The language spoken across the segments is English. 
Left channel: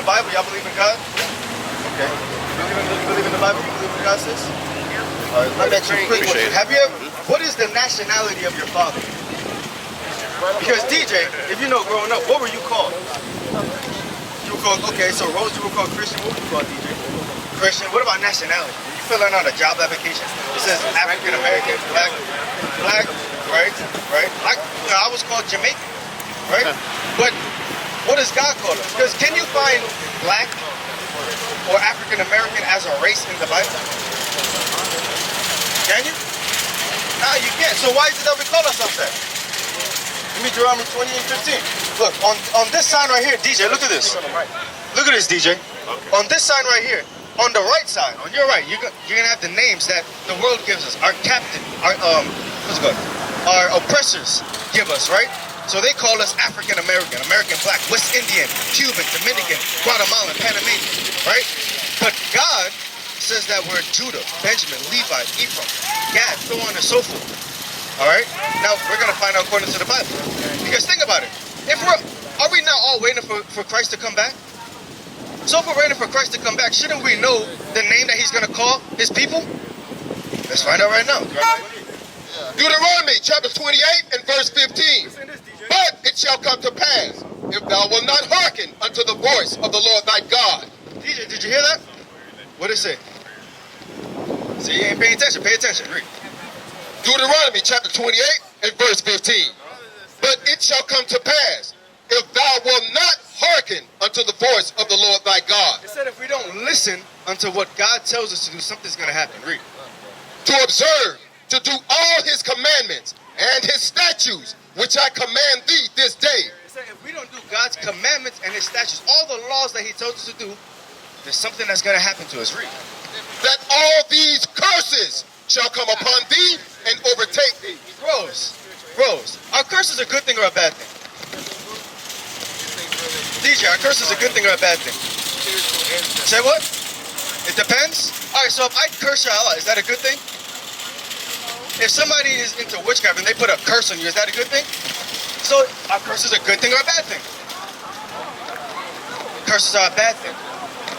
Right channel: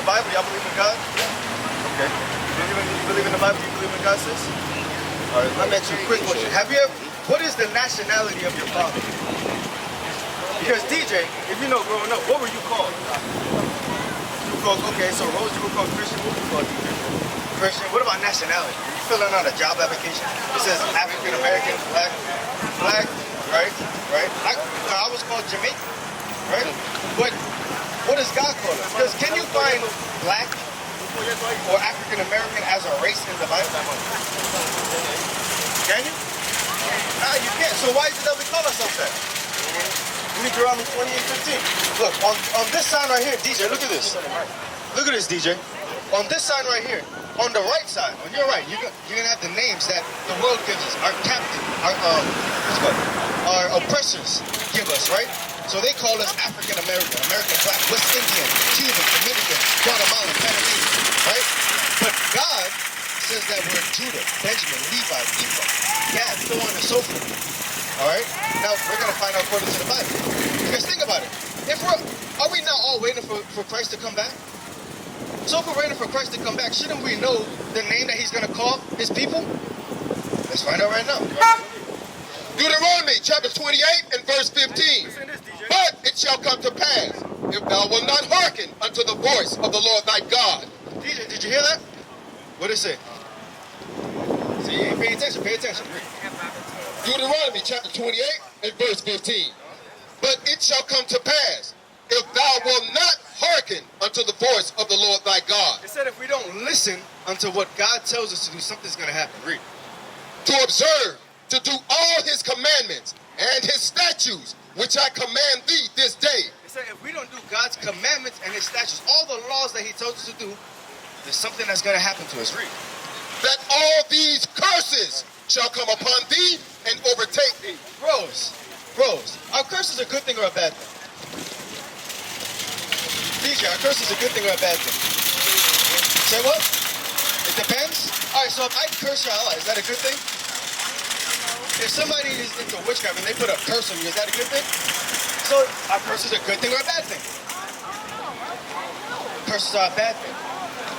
the Bible? Y'all believe in God? Okay. You believe in the Bible? You believe in God, sis? All right, let me ask you a quick question. What is the nationality of your father? Because DJ, if you know growing up, what were you called? You were called, okay, so Rose, you were called Christian. What were you called, DJ? Christian. What about nationality? When you filling out a job application, it says African American, black, right? Black, I was called Jamaican, right? But what does God call us? Because can you find black or African American as a race in the Bible? Can you? No, you can't. So why is it that we call ourselves that? Give me Deuteronomy 28:15. Look, on this sign right here, DJ, look at this. Look at this, DJ. On this sign right here, on the right side, on your right, you're gonna have the names that the world gives us. Our captain, our oppressors give us, right? So they call us African American, American Black, West Indian, Cuban, Dominican, Guatemalan, Panamanian, right? But God says that we're Judah, Benjamin, Levi, Ephraim, Gad, so on and so forth. All right? Now we're gonna find out according to the Bible. Because think about it. Are we now all waiting for Christ to come back? So if we're waiting for Christ to come back, shouldn't we know the name that he's gonna call his people? Let's find out right now. Deuteronomy chapter 28 and verse 15. But it shall come to pass, if thou wilt not hearken unto the voice of the Lord thy God. DJ, did you hear that? What did it say? See, you ain't paying attention. Pay attention. Read. Deuteronomy chapter 28 and verse 15. But it shall come to pass, if thou wilt not hearken unto the voice of the Lord thy God. It said if we don't listen unto what God tells us to do, something's going to happen. Read. To observe, to do all his commandments and his statutes, which I command thee this day. It said if we don't do God's commandments and his statutes, all the laws that he tells us to do, there's something that's going to happen to us. Read. That all these curses shall come upon thee and overtake thee. Rose, are curses a good thing or a bad thing? DJ, are curses a good thing or a bad thing? Say what? It depends? Alright, so if I curse you Allah, is that a good thing? If somebody is into witchcraft and they put a curse on you, is that a good thing? So are curses a good thing or a bad thing? Curses are a bad thing,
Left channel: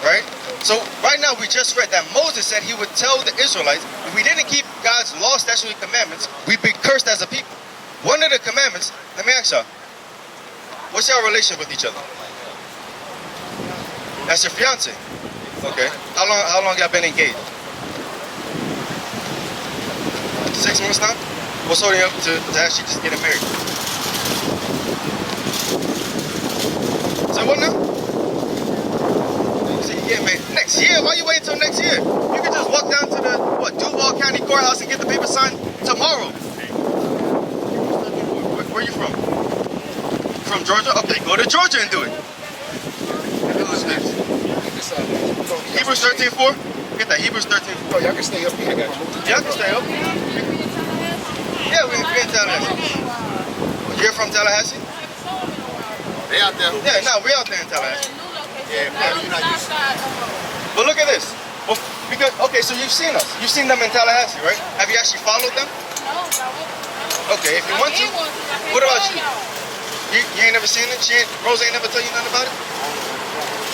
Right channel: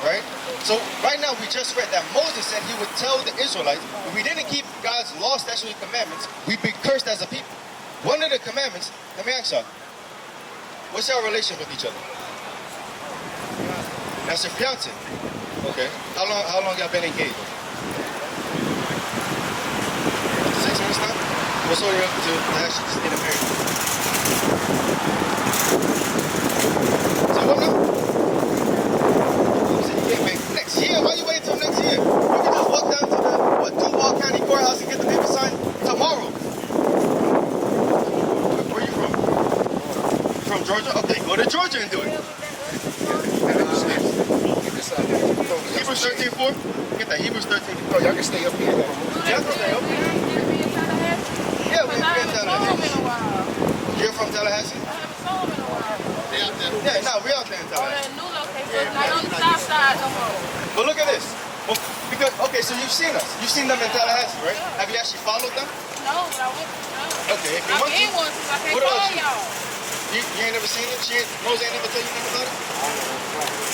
right? So right now we just read that Moses said he would tell the Israelites, if we didn't keep God's law, statutes, and commandments, we'd be cursed as a people. One of the commandments, let me ask y'all, what's your relation with each other? That's your fiance. Okay. How long y'all been engaged? 6 months now? What's holding you up to actually just getting married? So what now? So you get married next year? Why you waiting until next year? You can just walk down to the Duval County Courthouse and get the paper signed tomorrow. Where you from? From Georgia? Okay, go to Georgia and do it. Hebrews 13:4. Get that, Hebrews 13:4. No, y'all can stay up here. Y'all can stay up here. Yeah, we're in Tallahassee. You're from Tallahassee? They out there. Yeah, no, we're out there in Tallahassee. But look at this. Well, because, okay, so you've seen us. You've seen them in Tallahassee, right? Have you actually followed them? No, no. Okay, if you want to. What about you? You ain't never seen it? Rose ain't never tell you nothing about it?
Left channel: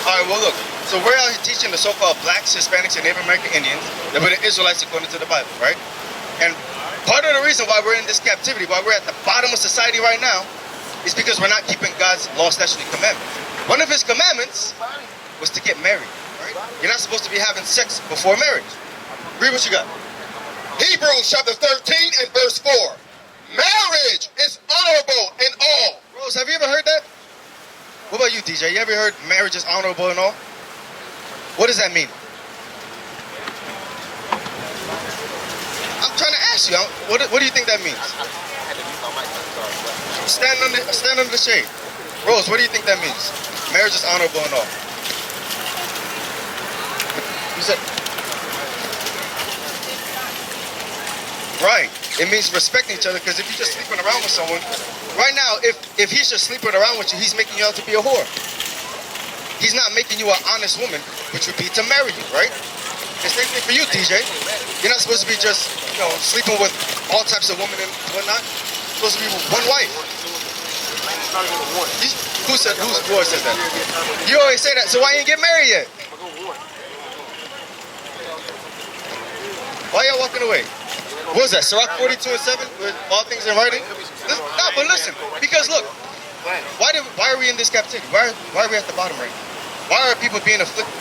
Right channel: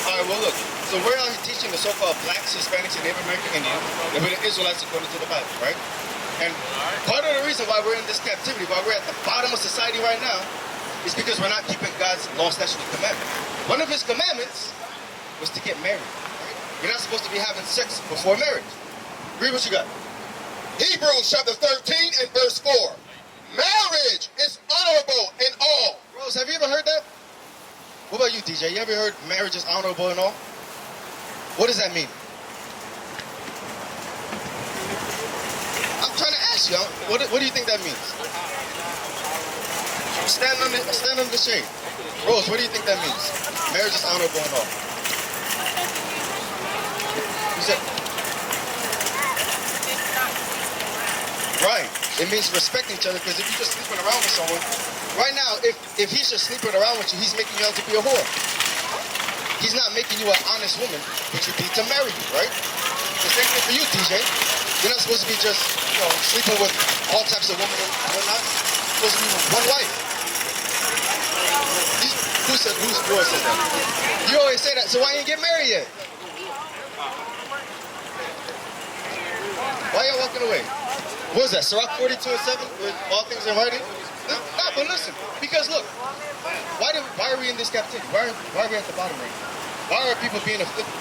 All right, well, look. So we're out here teaching the so-called blacks, Hispanics, and Native American Indians that we're the Israelites according to the Bible, right? And part of the reason why we're in this captivity, why we're at the bottom of society right now, is because we're not keeping God's law, statutes, and commandments. One of his commandments was to get married, right? You're not supposed to be having sex before marriage. Read what you got. Hebrews chapter 13 and verse 4. Marriage is honorable in all. Rose, have you ever heard that? What about you, DJ? You ever heard marriage is honorable in all? What does that mean? I'm trying to ask you. What do you think that means? Stand under the shade. Rose, what do you think that means? Marriage is honorable and all. You said, right. It means respecting each other, because if you're just sleeping around with someone, right now, if he's just sleeping around with you, he's making you out to be a whore. He's not making you an honest woman, which would be to marry you, right? The same thing for you, DJ. You're not supposed to be just, sleeping with all types of women and whatnot. You're supposed to be with one wife. Whose Lord said that? You always say that, so why you ain't get married yet? Why y'all walking away? What was that, Sirach 42:7, with all things in writing? No, but listen, because look, why are we in this captivity? Why are we at the bottom right now? Why are people being afflicted?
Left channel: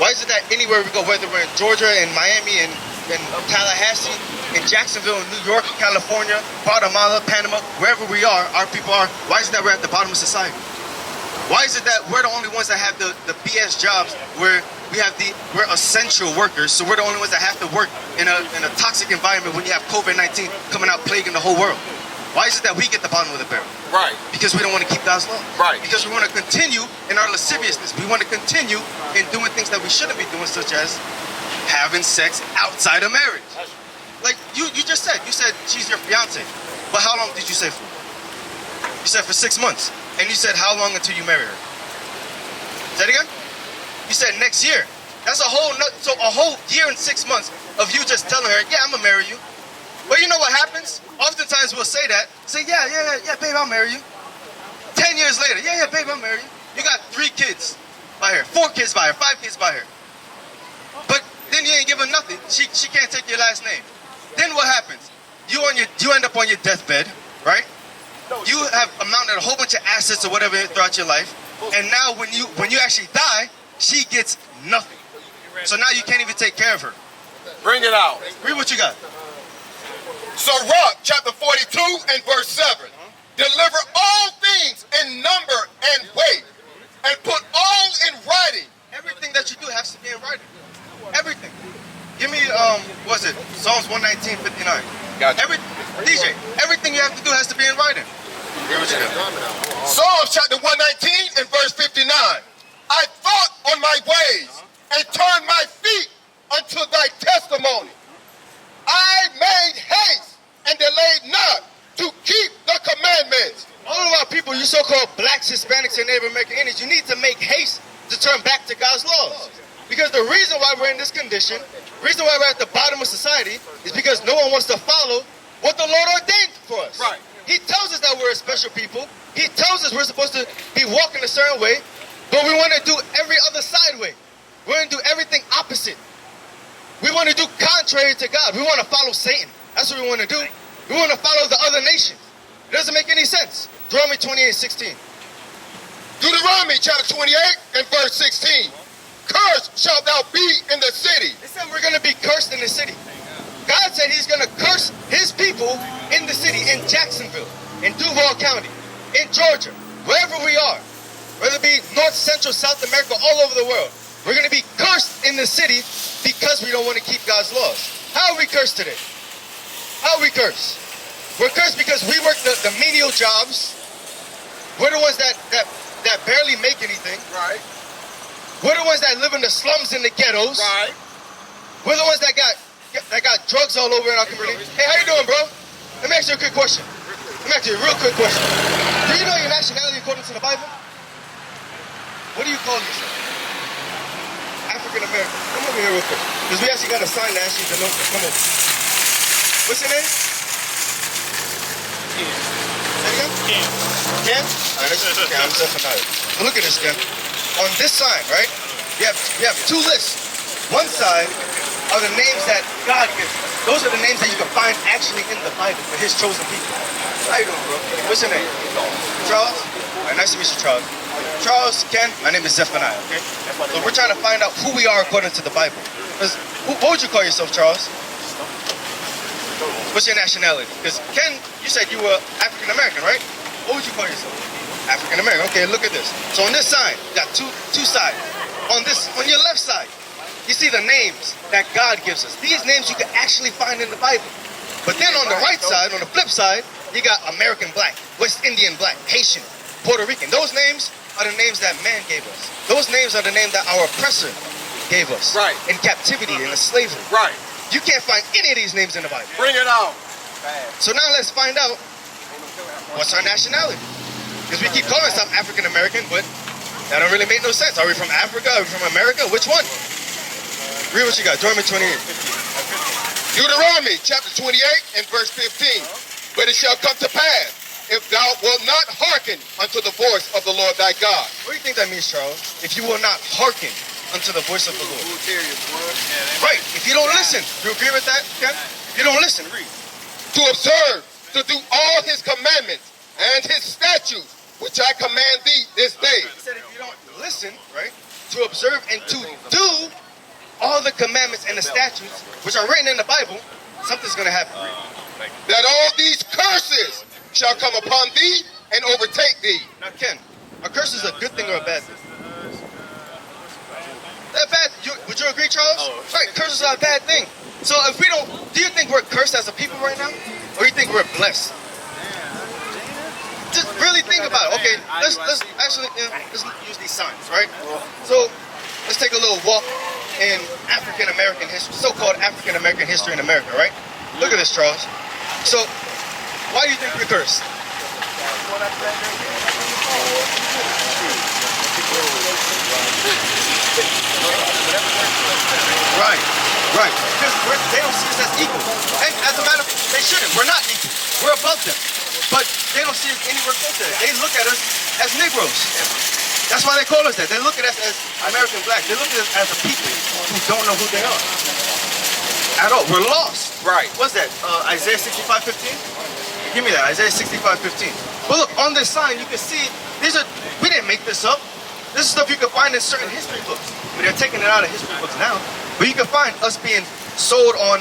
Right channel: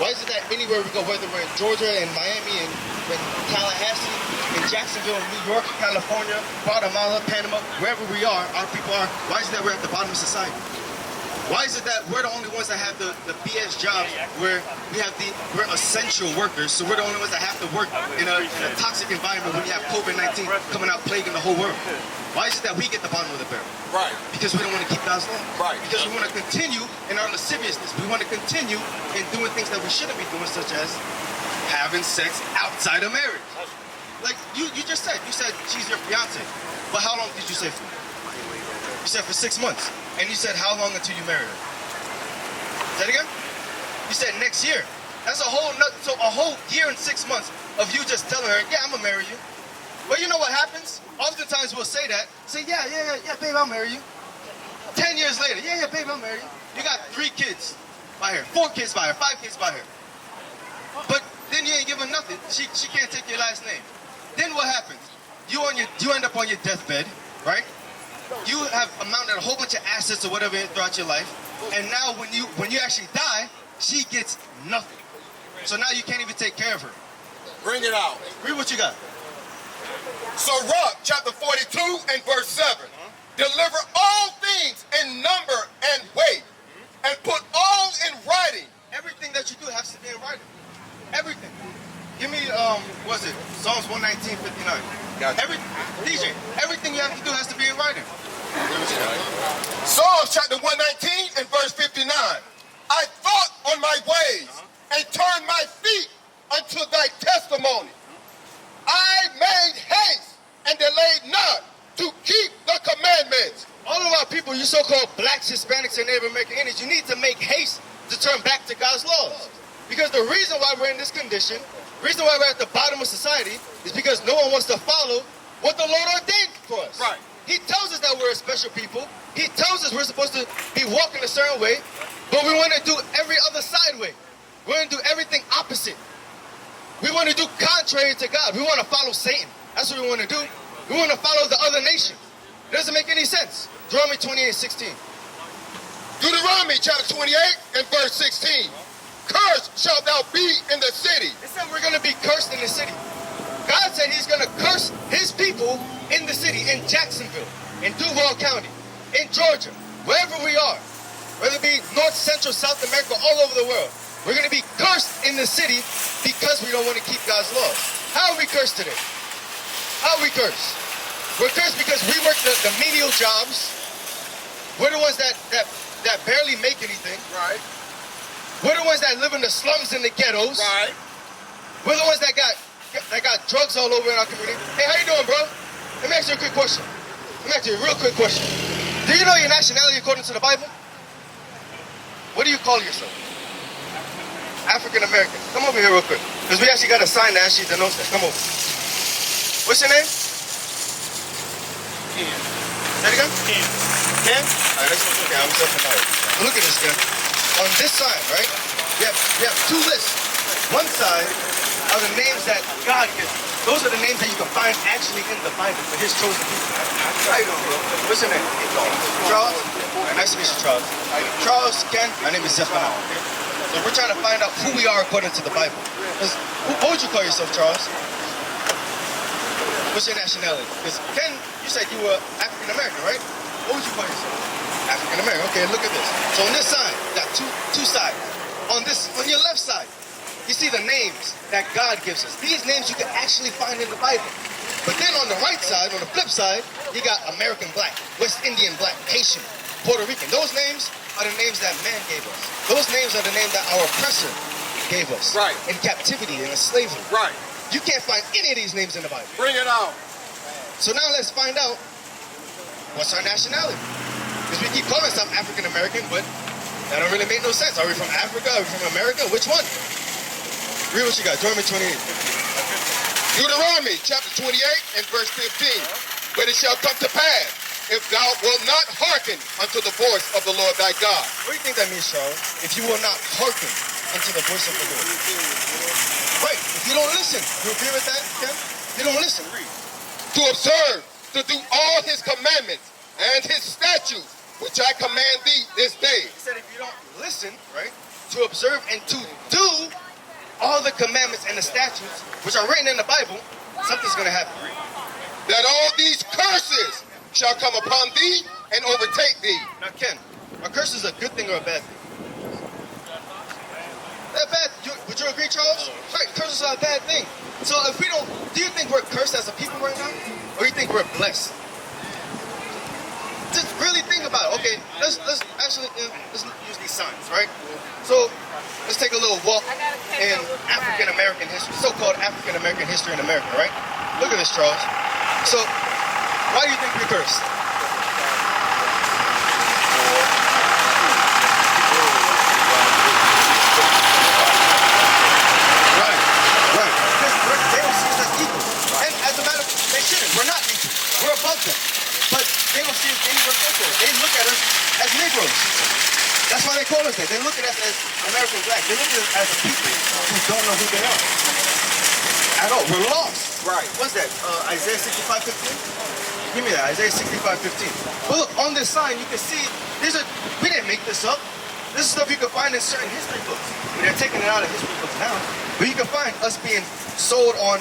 Why is it that anywhere we go, whether we're in Georgia, in Miami, in Tallahassee, in Jacksonville, in New York, California, Guatemala, Panama, wherever we are, our people are, why is it that we're at the bottom of society? Why is it that we're the only ones that have the BS jobs where we're essential workers, so we're the only ones that have to work in a toxic environment when you have COVID-19 coming out plaguing the whole world? Why is it that we get the bottom of the barrel? Right. Because we don't want to keep God's law. Right. Because we want to continue in our lasciviousness. We want to continue in doing things that we shouldn't be doing, such as having sex outside of marriage. Like you just said, she's your fiance. But how long did you say for? You said for 6 months. And you said how long until you marry her? Say it again? You said next year. That's a whole year and 6 months of you just telling her, yeah, I'm gonna marry you. But you know what happens? Oftentimes we'll say that. Say, yeah, babe, I'll marry you. 10 years later, yeah, babe, I'll marry you. You got 3 kids by her, 4 kids by her, 5 kids by her. But then you ain't give her nothing. She can't take your last name. Then what happens? You end up on your deathbed, right? You have amounted a whole bunch of assets or whatever throughout your life. And now when you actually die, she gets nothing. So now you can't even take care of her. Bring it out. Read what you got. Sirach chapter 42 and verse 7. Deliver all things in number and weight, and put all in writing. Everything that you do has to be in writing. Everything. Give me, what was it? Psalms 119:59. Gotcha. DJ, everything you have to do has to be in writing. Read what you got. Psalms chapter 119 and verse 59. I thought on my ways and turned my feet unto thy testimony. I made haste and delayed not to keep the commandments. All of our people, you so-called blacks, Hispanics, and Native American Indians, you need to make haste to turn back to God's laws. Because the reason why we're in this condition, reason why we're at the bottom of society, is because no one wants to follow what the Lord ordained for us. Right. He tells us that we're a special people. He tells us we're supposed to be walking a certain way, but we want to do every other side way. We want to do everything opposite. We want to do contrary to God. We want to follow Satan. That's what we want to do. We want to follow the other nation. It doesn't make any sense. Deuteronomy 28:16. Deuteronomy chapter 28 and verse 16. Cursed shalt thou be in the city. It said we're going to be cursed in the city. God said he's going to curse his people in the city, in Jacksonville, in Duval County, in Georgia, wherever we are, whether it be North, Central, South America, all over the world. We're going to be cursed in the city because we don't want to keep God's laws. How are we cursed today? How are we cursed? We're cursed because we work the menial jobs. We're the ones that barely make anything. Right. We're the ones that live in the slums and the ghettos. Right. We're the ones that got drugs all over in our community. Hey, how you doing, bro? Let me ask you a quick question. Let me ask you a real quick question. Do you know your nationality according to the Bible? What do you call yourself? African American. Come over here real quick. Because we actually got a sign that actually denotes that. Come over. What's your name? Ken. Say it again? Ken. Ken? Alright, okay, I'm Zephaniah. So look at this, Ken. On this sign, right? You have 2 lists. One side are the names that God gives us. Those are the names that you can find actually in the Bible for his chosen people. How you doing, bro? What's your name? Charles? All right, nice to meet you, Charles. Charles, Ken, my name is Zephaniah, okay? So we're trying to find out who we are according to the Bible. What would you call yourself, Charles? What's your nationality? Because Ken, you said you were African American, right? What would you call yourself? African American. Okay, look at this. So on this side, got two sides. On your left side, you see the names that God gives us. These names you can actually find in the Bible. But then on the right side, on the flip side, you got American Black, West Indian Black, Haitian, Puerto Rican. Those names are the names that man gave us. Those names are the names that our oppressor gave us. Right. In captivity, in slavery. Right. You can't find any of these names in the Bible. Bring it out. So now let's find out what's our nationality. Because we keep calling ourselves African American, but that don't really make no sense. Are we from Africa? Are we from America? Which one? Read what you got. Deuteronomy 28. Deuteronomy chapter 28 and verse 15. But it shall come to pass, if thou wilt not hearken unto the voice of the Lord thy God. What do you think that means, Charles? If you will not hearken unto the voice of the Lord. Right. If you don't listen. You agree with that, Ken? If you don't listen, read. To observe, to do all his commandments and his statutes, which I command thee this day. He said if you don't listen, right, to observe and to do all the commandments and the statutes, which are written in the Bible, something's going to happen. Read. That all these curses shall come upon thee and overtake thee. Now, Ken, a curse is a good thing or a bad thing? That bad? Would you agree, Charles? Right, curses are a bad thing. So if we don't, do you think we're cursed as a people right now? Or do you think we're blessed? Just really think about it. Okay, let's actually, let's use these signs, right? So let's take a little walk in African American history, so-called African American history in America, right? Look at this, Charles. So, why do you think we're cursed? Right. Because they don't see us as equal. And as a matter of fact, they shouldn't. We're not equal. We're above them. But they don't see us anywhere close to that. They look at us as Negroes. That's why they call us that. They look at us as American blacks. They look at us as a people who don't know who they are. At all. We're lost. Right. What's that? Isaiah 65:15? Give me that. Isaiah 65:15. But look, on this sign, you can see, we didn't make this up. This is stuff you can find in certain history books. I mean, they're taking it out of history books now. But you can find us being sold on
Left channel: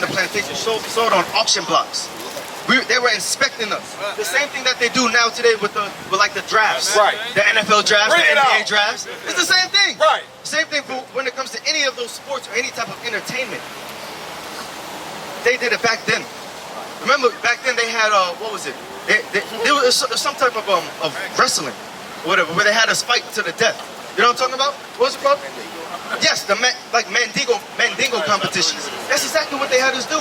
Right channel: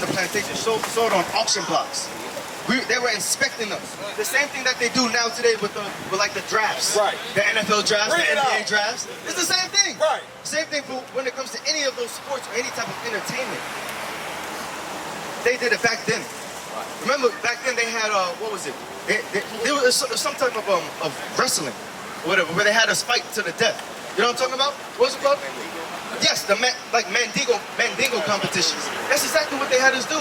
the plantation, sold on auction blocks. They were inspecting us. The same thing that they do now today with like the drafts. Right. The NFL drafts, Bring the it NBA out. drafts. It's the same thing. Right. Same thing when it comes to any of those sports or any type of entertainment. They did it back then. Remember, back then they had, what was it? There was some type of wrestling, or whatever, where they had us fight to the death. You know what I'm talking about? What was it called? Yes, like Mandingo competitions. That's exactly what they had us do.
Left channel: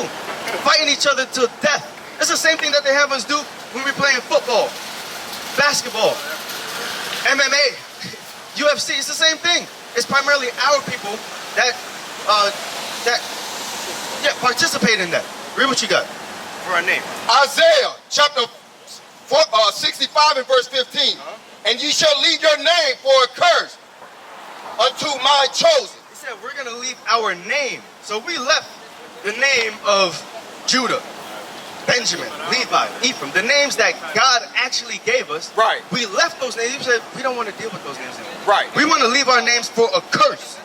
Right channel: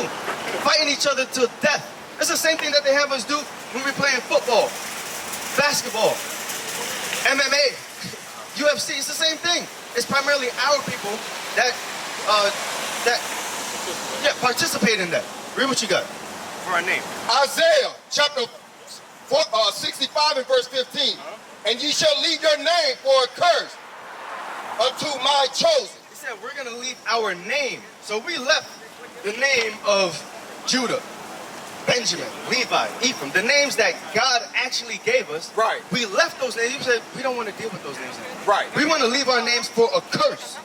Fighting each other to death. It's the same thing that they have us do when we're playing football, basketball, MMA, UFC. It's the same thing. It's primarily our people that participate in that. Read what you got for our name. Isaiah chapter 65 and verse 15. And ye shall leave your name for a curse unto my chosen. He said we're going to leave our name. So we left the name of Judah, Benjamin, Levi, Ephraim, the names that God actually gave us. Right. We left those names. He said we don't want to deal with those names anymore. Right. We want to leave our names for a curse.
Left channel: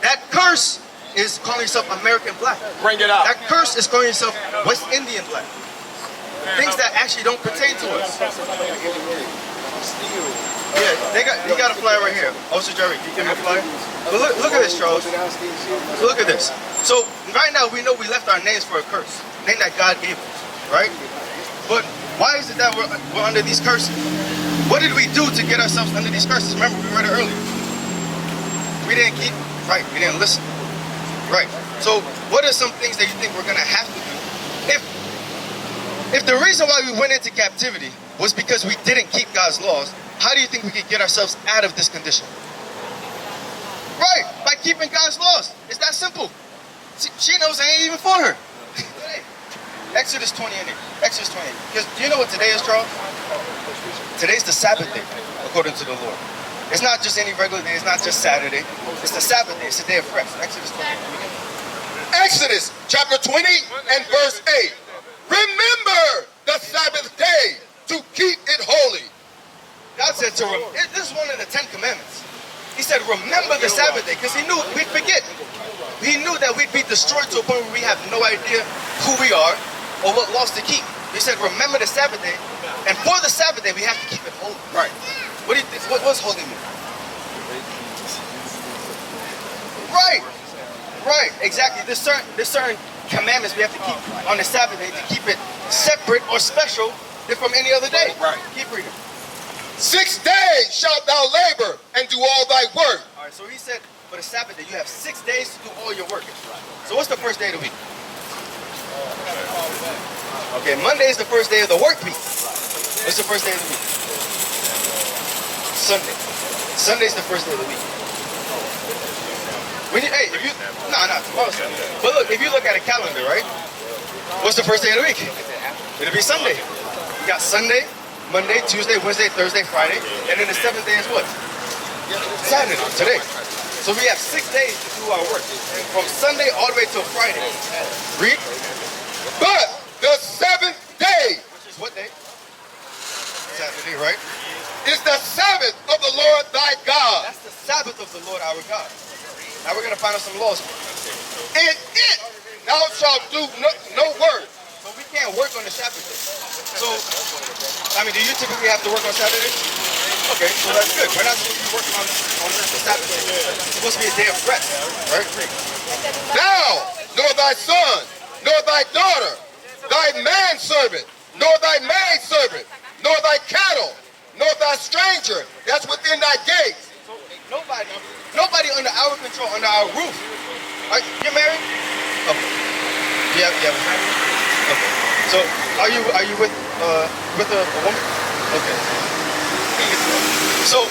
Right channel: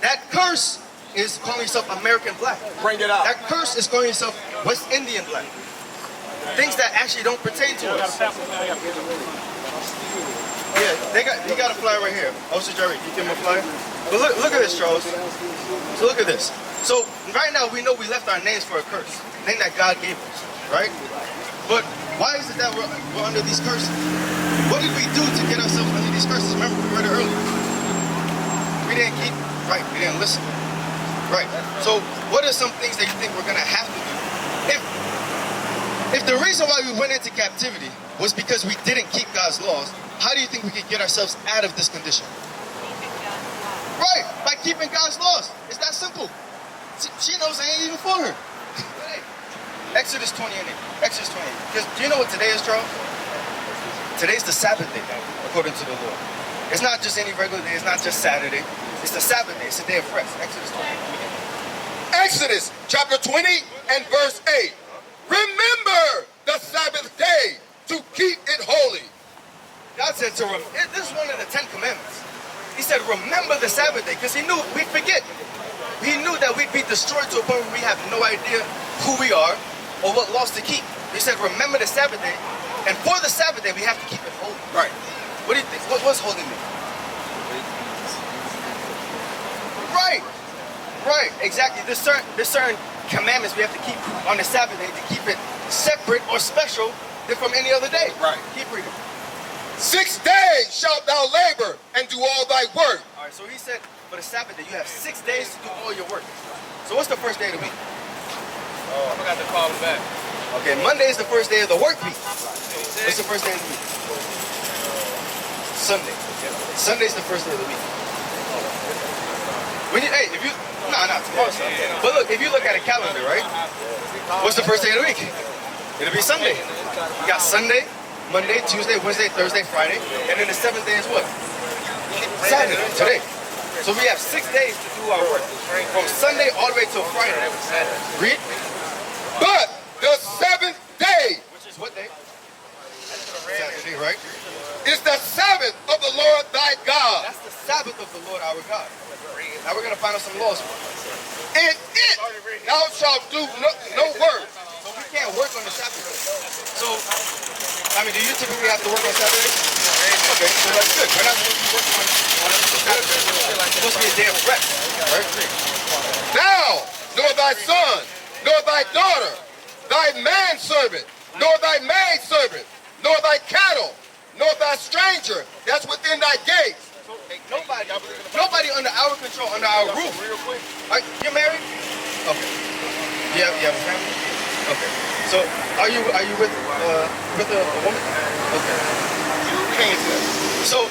That curse is calling yourself American black. Bring it out. That curse is calling yourself West Indian black. Things that actually don't pertain to us. Yeah, you got a flyer right here. Officer Jerry, can you give me a flyer? But look at this, Charles. So look at this. So right now we know we left our names for a curse, a name that God gave us, right? But why is it that we're under these curses? What did we do to get ourselves under these curses? Remember, we read it earlier. We didn't keep, right, we didn't listen. Right. So what are some things that you think we're going to have to do? If the reason why we went into captivity was because we didn't keep God's laws, how do you think we could get ourselves out of this condition? Right, by keeping God's laws. It's that simple. She knows I ain't even for her. Exodus 28. Exodus 28. Because do you know what today is, Charles? Today's the Sabbath day, according to the Lord. It's not just any regular day. It's not just Saturday. It's the Sabbath day. It's the day of rest. Exodus 28. Exodus chapter 20 and verse 8. Remember the Sabbath day to keep it holy. God said to him, this is one of the 10 Commandments. He said, remember the Sabbath day, because he knew we'd forget. He knew that we'd be destroyed to a point where we have no idea who we are or what laws to keep. He said, remember the Sabbath day, and for the Sabbath day, we have to keep it holy. Right. What do you think? What does holy mean? Right, exactly. There's certain commandments we have to keep on the Sabbath day to keep it separate or special from any other day. Right. Keep reading. 6 days shalt thou labor and do all thy work. All right, so he said for the Sabbath day, you have 6 days to do all your work. So what's the first day of the week? Okay, Monday is the first day of the work week. What's the first day of the week? Sunday. Sunday's the first day of the week. Tomorrow's Sunday. But look, if you look at a calendar, right? What's the first day of the week? It'll be Sunday. We got Sunday, Monday, Tuesday, Wednesday, Thursday, Friday, and then the 7th day is what? Saturday, today. So we have 6 days to do our work, from Sunday all the way till Friday. Read. But the 7th day, Which is what day? Saturday, right? is the Sabbath of the Lord thy God. That's the Sabbath of the Lord our God. Now we're gonna find out some laws. In it thou shalt do no work. So we can't work on the Sabbath day. So, I mean, do you typically have to work on Saturdays? Okay, so that's good. We're not supposed to be working on the Sabbath day. It's supposed to be a day of rest, right? Thou, nor thy son, nor thy daughter, thy manservant, nor thy maidservant, nor thy cattle, nor thy stranger that's within thy gates. So nobody under our control, under our roof. You're married? Okay. You have a family? Okay. So are you with a woman? Okay. So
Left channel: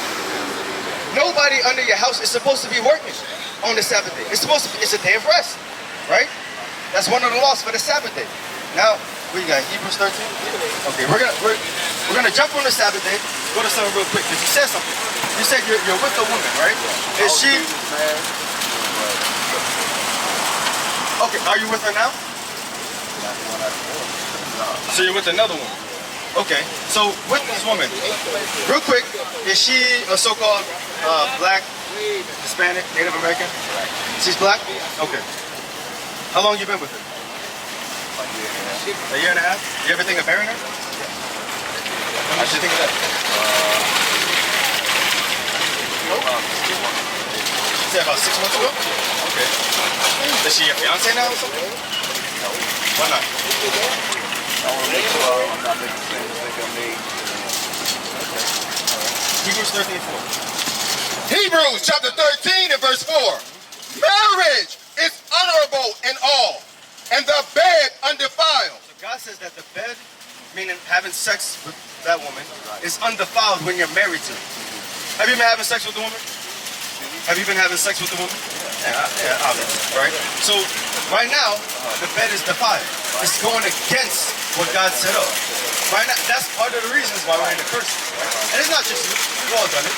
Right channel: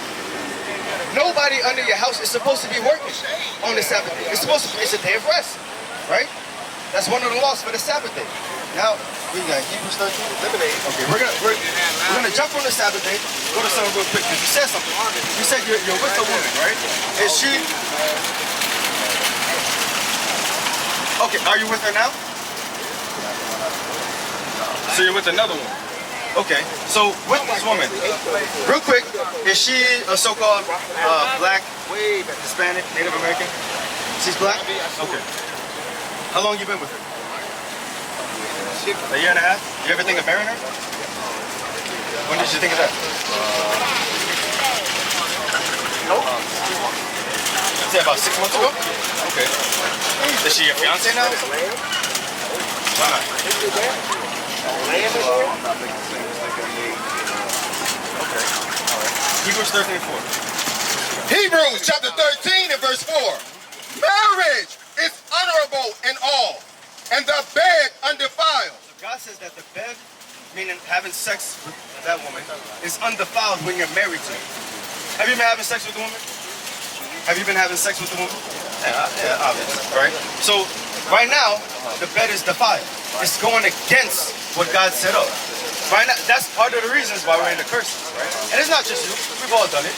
nobody under your house is supposed to be working on the Sabbath day. It's a day of rest, right? That's one of the laws for the Sabbath day. Now we got Hebrews 13. Okay, we're gonna jump on the Sabbath day. Go to something real quick because you said something. You said you're with a woman, right? Is she? Okay, are you with her now? So you're with another woman. Okay, so with this woman, real quick, is she a so-called black, Hispanic, Native American? She's black? Okay. How long you been with her? A year and a half? You ever think of marrying her? When did you think of that? Say about 6 months ago? Okay. Is she your fiance now? Why not? I'm not making the same mistake I made. Okay. Hebrews 13:4. Hebrews chapter 13 and verse 4. Marriage is honorable in all, and the bed undefiled. So God says that the bed, meaning having sex with that woman, is undefiled when you're married to her. Have you been having sex with the woman? Have you been having sex with the woman? Yeah, obviously, right? So right now, the bed is defiled. It's going against what God set up. Right now, that's part of the reasons why we're in the curse. Right? And it's not just you. We've all done it.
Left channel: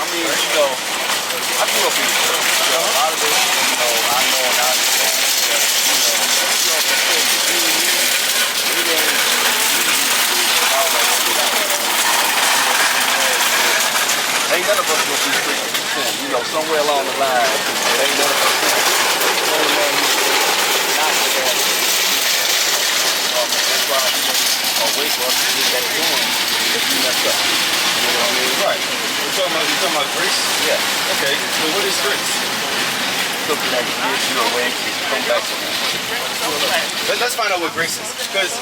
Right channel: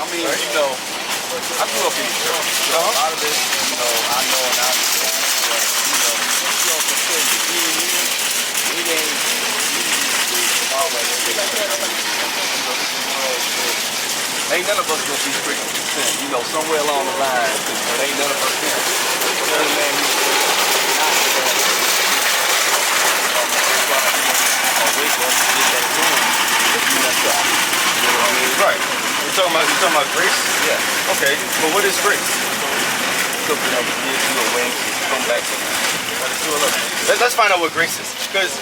I mean, you know, I grew up in the church. So a lot of this, you know, I know and I understand. But, you know, you also tell you, being here, it ain't easy to follow everything. Ain't none of us gonna be free from sin. You know, somewhere along the line, ain't none of us sin. The only man who's not with that. That's why a way for us to get back going is we messed up. You know what I mean? Right. You're talking about grace? Yeah. Okay, but what is grace? Something that gives you a way to come back to that. Let's find out what grace is. Because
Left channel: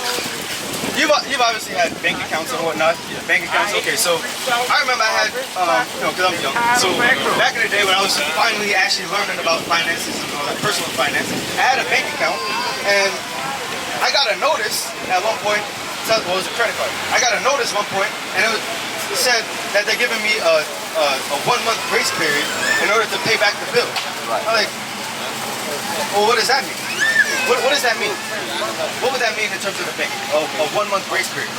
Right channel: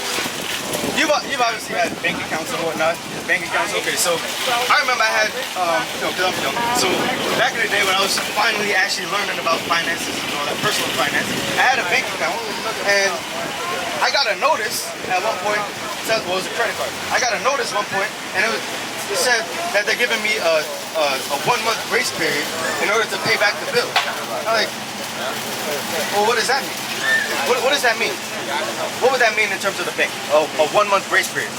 you've obviously had bank accounts and whatnot. Bank accounts, okay. So I remember I had, because I'm young. So back in the day when I was finally actually learning about finances and all that, personal finance, I had a bank account and I got a notice at one point. Well, it was a credit card. I got a notice one point and it said that they're giving me a 1 month grace period in order to pay back the bill. I'm like, well, what does that mean? What does that mean? What would that mean in terms of the bank? A 1 month grace period?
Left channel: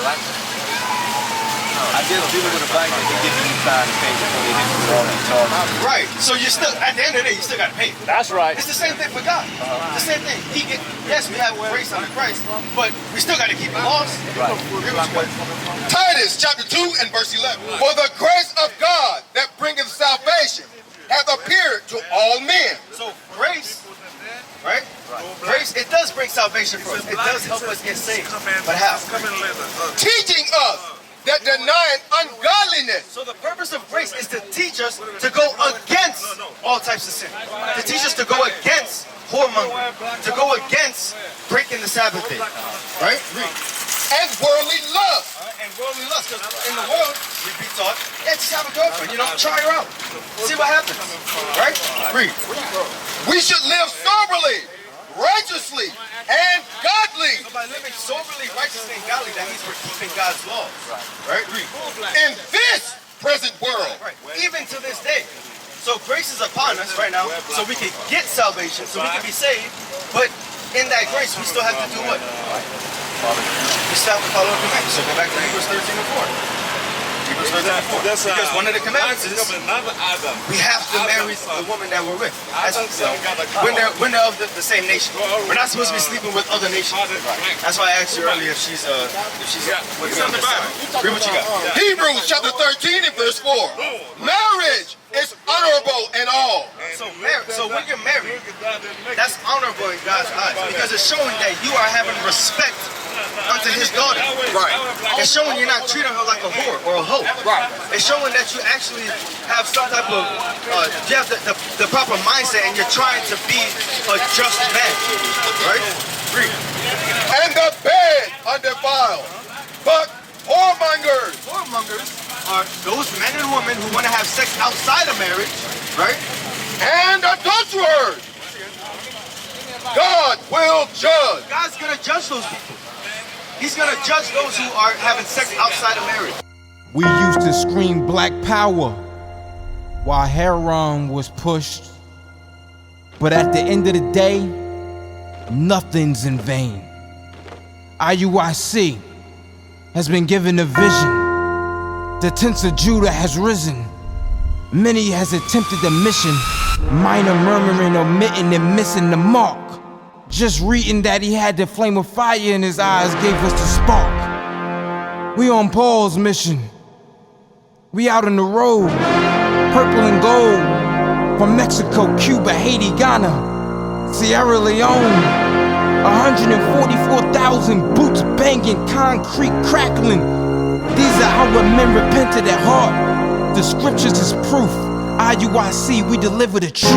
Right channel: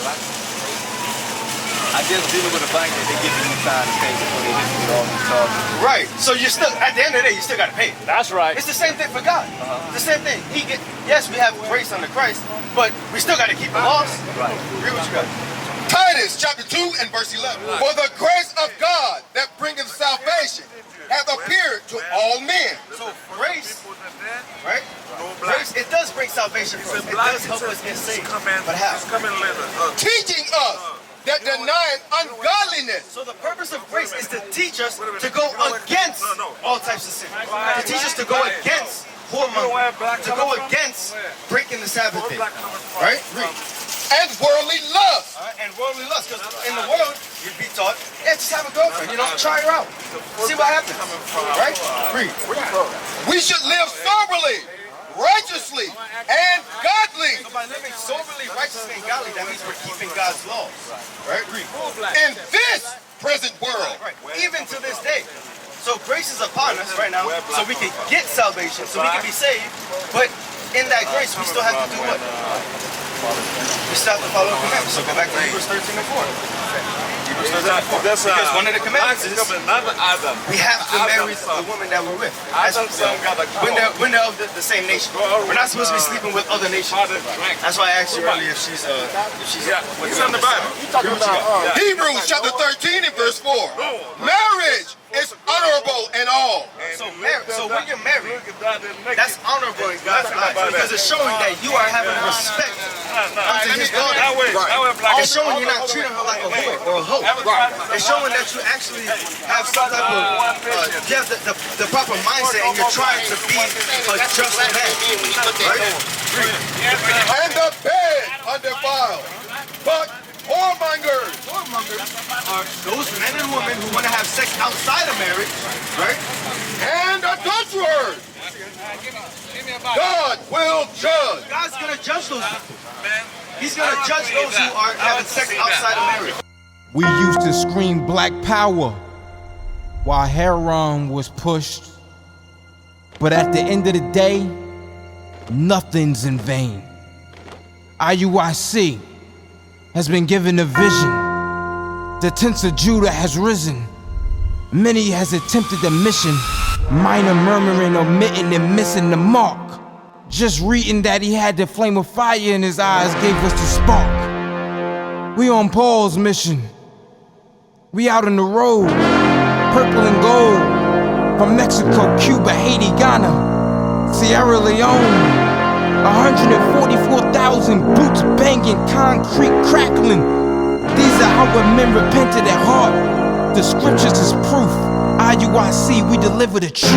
I guess dealing with a bank that they're giving you time to pay before they hit you with all these charges. Right. So you still, at the end of the day, you still got to pay. That's right. It's the same thing for God. The same thing. Yes, we have grace under Christ, but we still got to keep the laws. Right. Agree with you guys. Titus chapter 2 and verse 11. For the grace of God that bringeth salvation hath appeared to all men. So grace, right? Grace, it does bring salvation for us. It does help us get saved. But how? Teaching us that denying ungodliness. So the purpose of grace is to teach us to go against all types of sin. To teach us to go against whoremongering. To go against breaking the Sabbath day. Right? Read. And worldly lust. And worldly lust. Because in the world, we'd be taught, yeah, just have a girlfriend. You know, try her out. See what happens. Right? Read. We should live soberly, righteously, and godly. So by living soberly, righteously, and godly, that means we're keeping God's laws. Right? Read. In this present world. Right. Even to this day. So grace is upon us right now, so we can get salvation, so we can be saved. But in that grace, we still have to do what? We still have to follow the commandments. So go back to Hebrews 13 and 4. Hebrews 13 and 4. Because one of the commandments is we have to marry the woman that we're with. When they're of the same nation. We're not supposed to be sleeping with other nations. That's why I asked you earlier if she's with the Bible. Read what you got. Hebrews chapter 13 and verse 4. Marriage is honorable in all. So when you're married, that's honorable in God's eyes because it's showing that you are having respect unto his daughter. Right. It's showing you're not treating her like a whore or a hoe. Right. It's showing that you actually have some type of, you have the proper mindset and you're trying to be a just man. Right? Read. And the bed undefiled, but whoremongers. Whoremongers are those men and women who want to have sex outside of marriage, right? And adulterers. God will judge. God's going to judge those people. He's going to judge those who are having sex outside of marriage. We used to scream black power while Heron was pushed. But at the end of the day, nothing's in vain. IUIC has been given a vision. The tents of Judah has risen. Many has attempted the mission, minor murmuring, omitting, and missing the mark. Just reading that he had the flame of fire in his eyes gave us the spark. We on Paul's mission. We out on the road, purple and gold, from Mexico, Cuba, Haiti, Ghana, Sierra Leone. 144,000 boots banging, concrete crackling. These are our men repented at heart. The scriptures is proof. IUIC, we deliver the truth.